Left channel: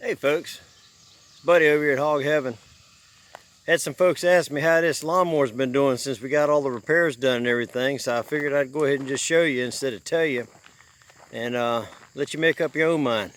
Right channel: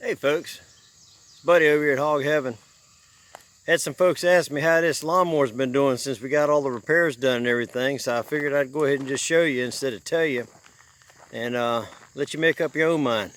Hey folks, it's Buddy over here at Hog Heaven. Had some folks ask me how this lawnmower's been doing since we got all the repairs done and everything, so I figured I'd go ahead and just show you instead of tell you, and let you make up your own mind.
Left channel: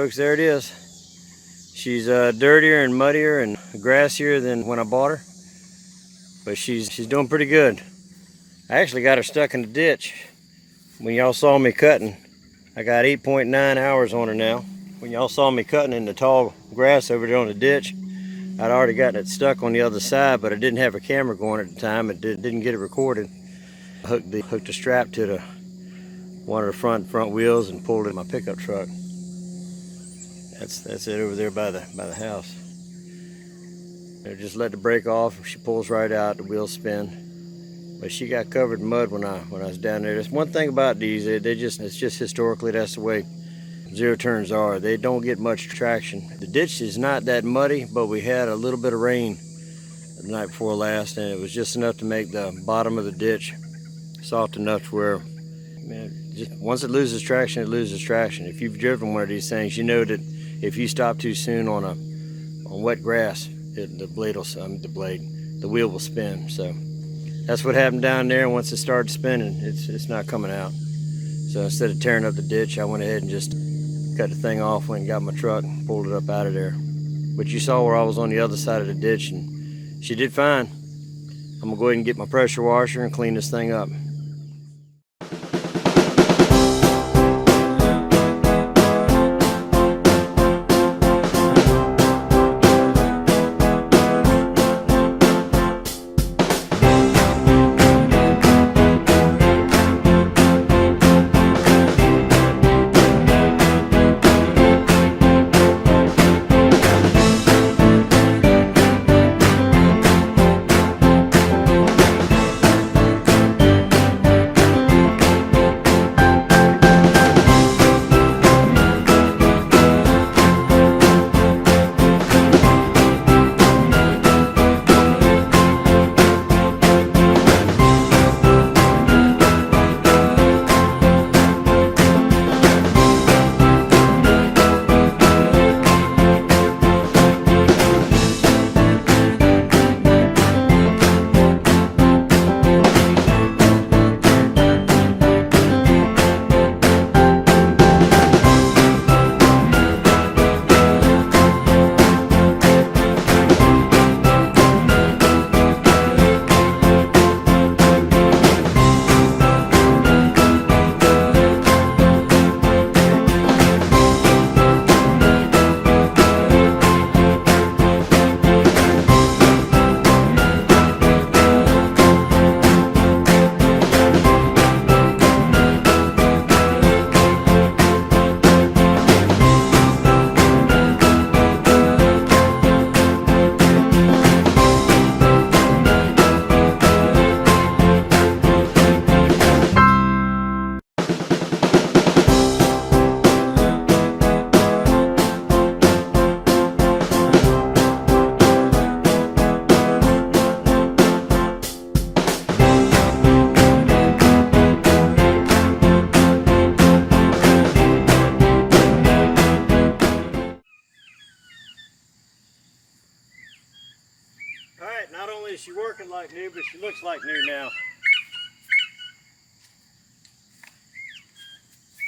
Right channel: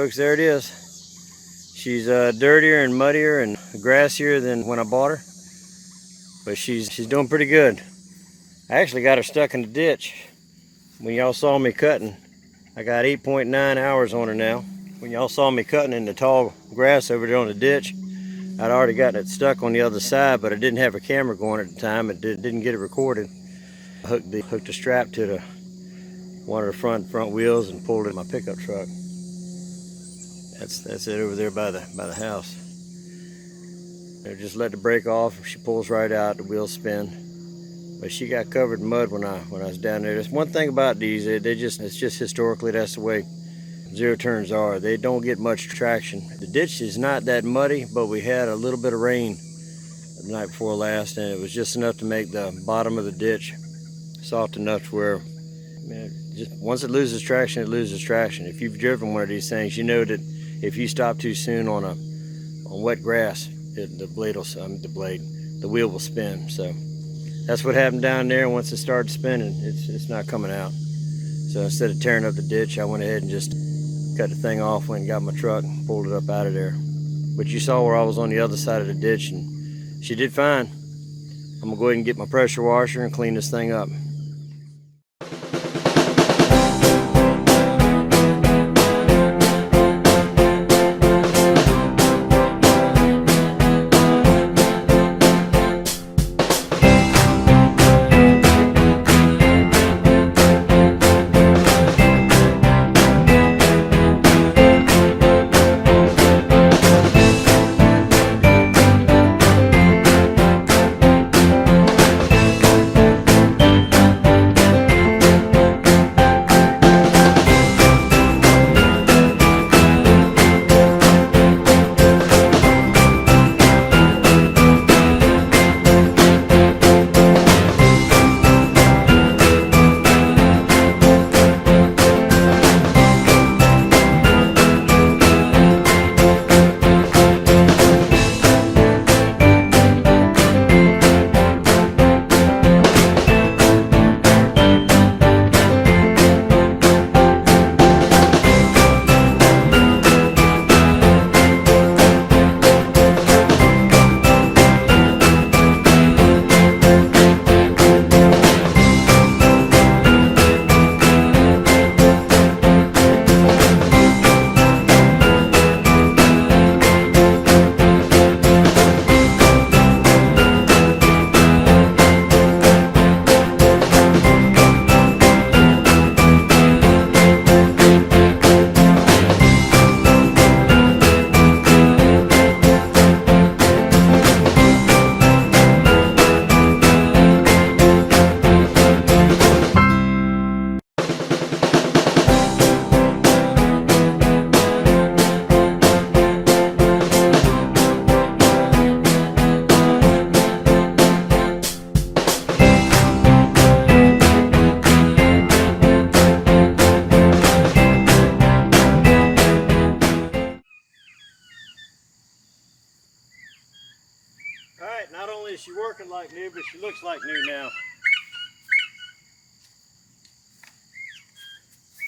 folks, there it is. She's dirtier and muddier and grassier than when I bought her, but she's doing pretty good. I actually got her stuck in the ditch. When y'all saw me cutting, I got 8.9 hours on her now. When y'all saw me cutting in the tall grass over there on the ditch, I'd already gotten it stuck on the other side, but I didn't have a camera going at the time. It didn't get it recorded. I hooked the strap to one of the front wheels and pulled it in my pickup truck. That's it over there by the house. I just let the brake off. She pulls right out. The wheels spin. But she got covered in mud when I was down there. There's one thing about these. It's just historically that's the way zero turns are. They don't get much traction. The ditch is not that muddy, but we had a little bit of rain the night before last, and it was just enough to make the bottom of the ditch soft enough to where, man, just once it loses traction, it loses traction. If you've driven one of these things, you know that if you stop too soon on wet grass, the wheel will spin. So that's what happened down there. Once it started spinning, it's not coming out. So instead of tearing up the ditch, I went ahead and just cut the thing off, went and got my truck, and pulled it up out of there. But you saw where I was on the other side of the ditch, and she did fine. I'm gonna go ahead and get my pressure washer and clean this thing up. Alright, not only is she working like new, but she looks like new now.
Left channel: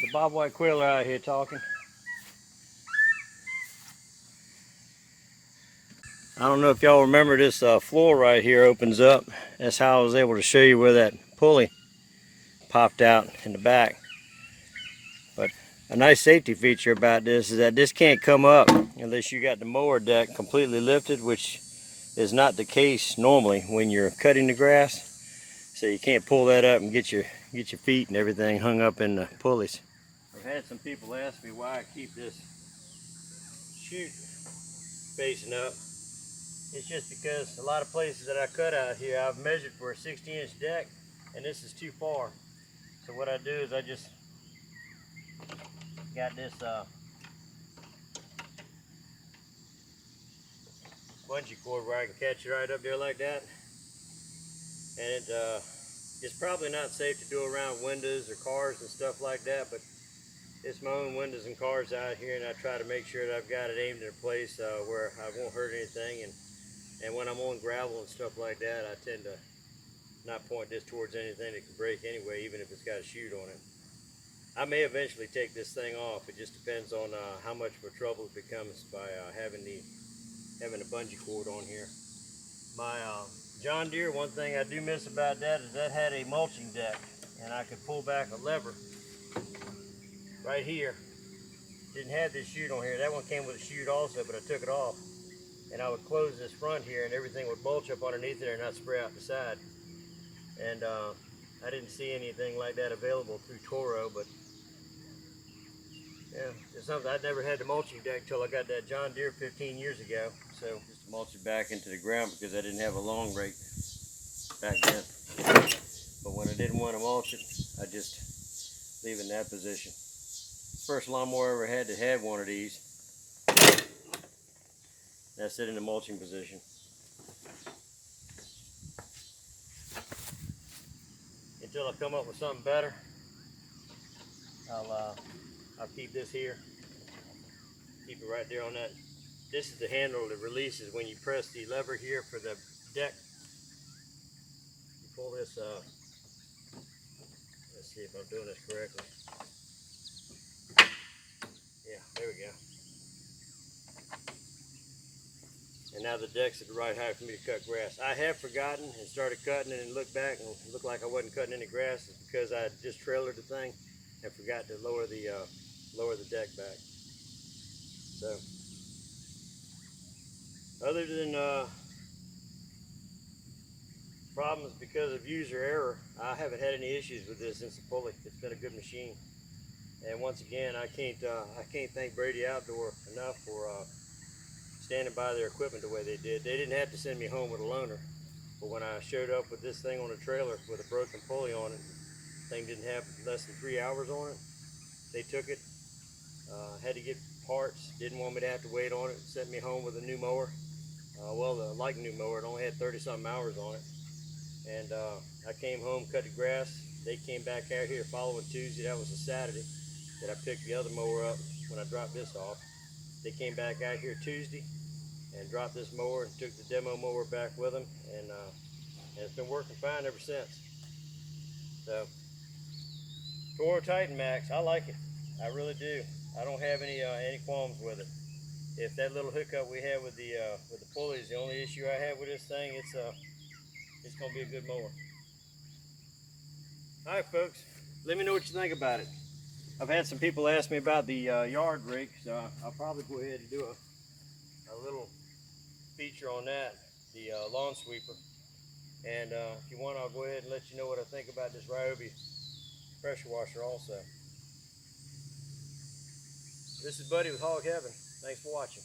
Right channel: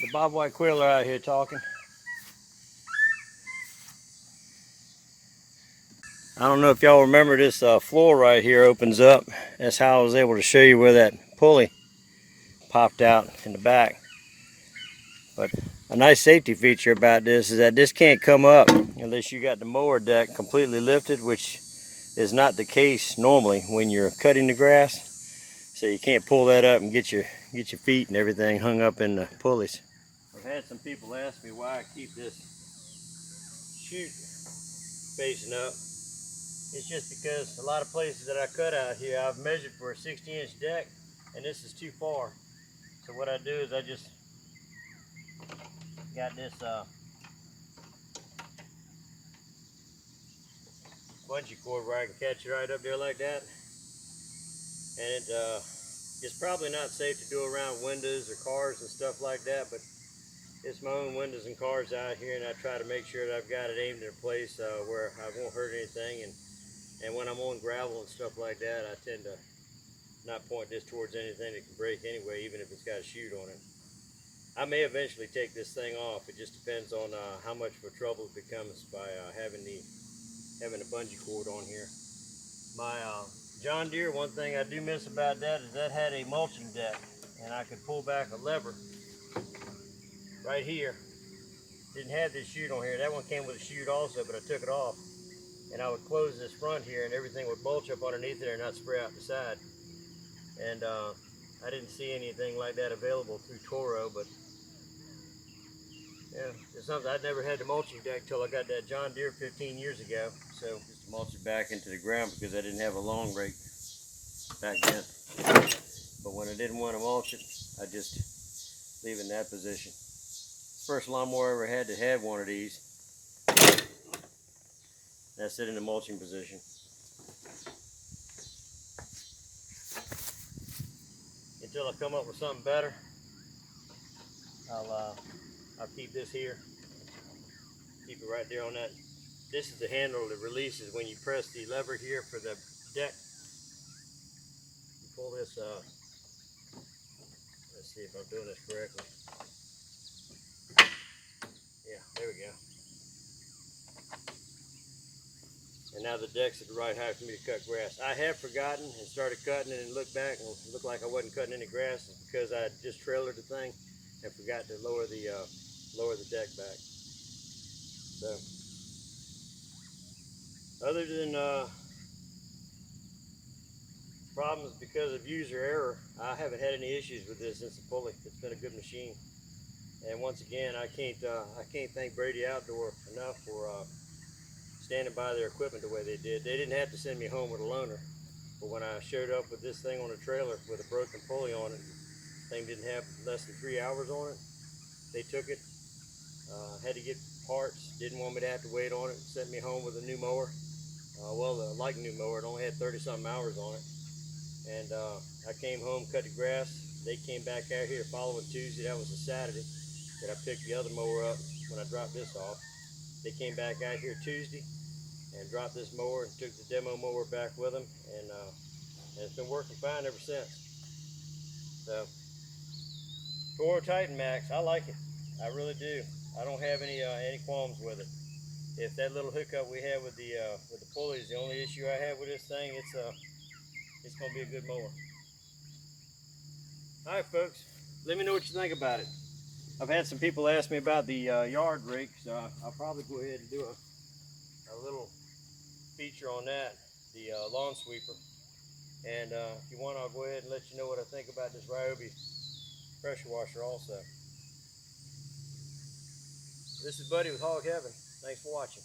The bobwhite quailer out here talking. I don't know if y'all remember this floor right here opens up. That's how I was able to show you where that pulley popped out in the back. But a nice safety feature about this is that this can't come up unless you got the mower deck completely lifted, which is not the case normally when you're cutting the grass. So you can't pull that up and get your feet and everything hung up in the pulleys. I've had some people ask me why I keep this chute facing up. It's just because a lot of places that I cut out here, I've measured for a 60-inch deck, and this is too far. So what I do is I just got this bungee cord where I can catch it right up there like that. And it's probably not safe to do around windows or cars and stuff like that, but it's my own windows and cars out here, and I try to make sure that I've got it aimed in a place where I won't hurt anything. And when I'm on gravel and stuff like that, I tend to not point this towards anything that can break anyway, even if it's got a chute on it. I may eventually take this thing off. It just depends on how much of a trouble it becomes by having a bungee cord on here. My John Deere, one thing I do miss about that is that had a mulching deck, and I could pull back a lever right here. Didn't have this chute on here. That one came with a chute also, but I took it off, and I would close this front here, and everything would mulch up underneath there and not spray out the side. And I didn't see anything like that available through Toro, but yeah, it's something. I'd never had the mulching deck till I got that John Deere 15 years ago. So just to mulch it back into the ground because I didn't have a long rake back then. But when I didn't want to mulch it, I just leave it in that position. First lawnmower I ever had that had one of these. That's it in the mulching position. Until I come up with something better, I'll keep this here. Keep it right there on that. This is the handle that releases when you press the lever here for the deck. You pull this up. Let's see if I'm doing this correctly. Yeah, there we go. And now the deck's at the right height for me to cut grass. I have forgotten and started cutting it and looked back and it looked like I wasn't cutting any grass. It's because I just trailered the thing and forgot to lower the deck back. So, other than problems because of user error, I haven't had any issues with this since the pulley. It's been a good machine. And once again, I can't thank Brady Outdoor enough for standing by their equipment the way they did. They didn't have to send me home with a loaner, but when I showed up with this thing on a trailer with a broken pulley on it, the thing didn't have less than 3 hours on it. They took it, had to get parts, didn't want me to have to wait on it, sent me home with a new mower. Like new mower, it only had 30-something hours on it. And I came home, cut the grass. They came back out here the following Tuesday. That was a Saturday that I picked the other mower up when I dropped this off. They came back out here Tuesday and dropped this mower and took the demo mower back with them, and it's been working fine ever since. So, Toro Titan Max, I like it. I really do. I don't have any qualms with it. If that little hiccup we had with the pulley is the only issue I have with this thing, it's gonna be a good mower. All right, folks, let me know what you think about it. I've had some people ask me about the yard rake, so I'll probably go ahead and do a little feature on that, the lawn sweeper. And if you want, I'll go ahead and let you know what I think about this Ryobi pressure washer also. This is Buddy with Hog Heaven. Thanks for watching.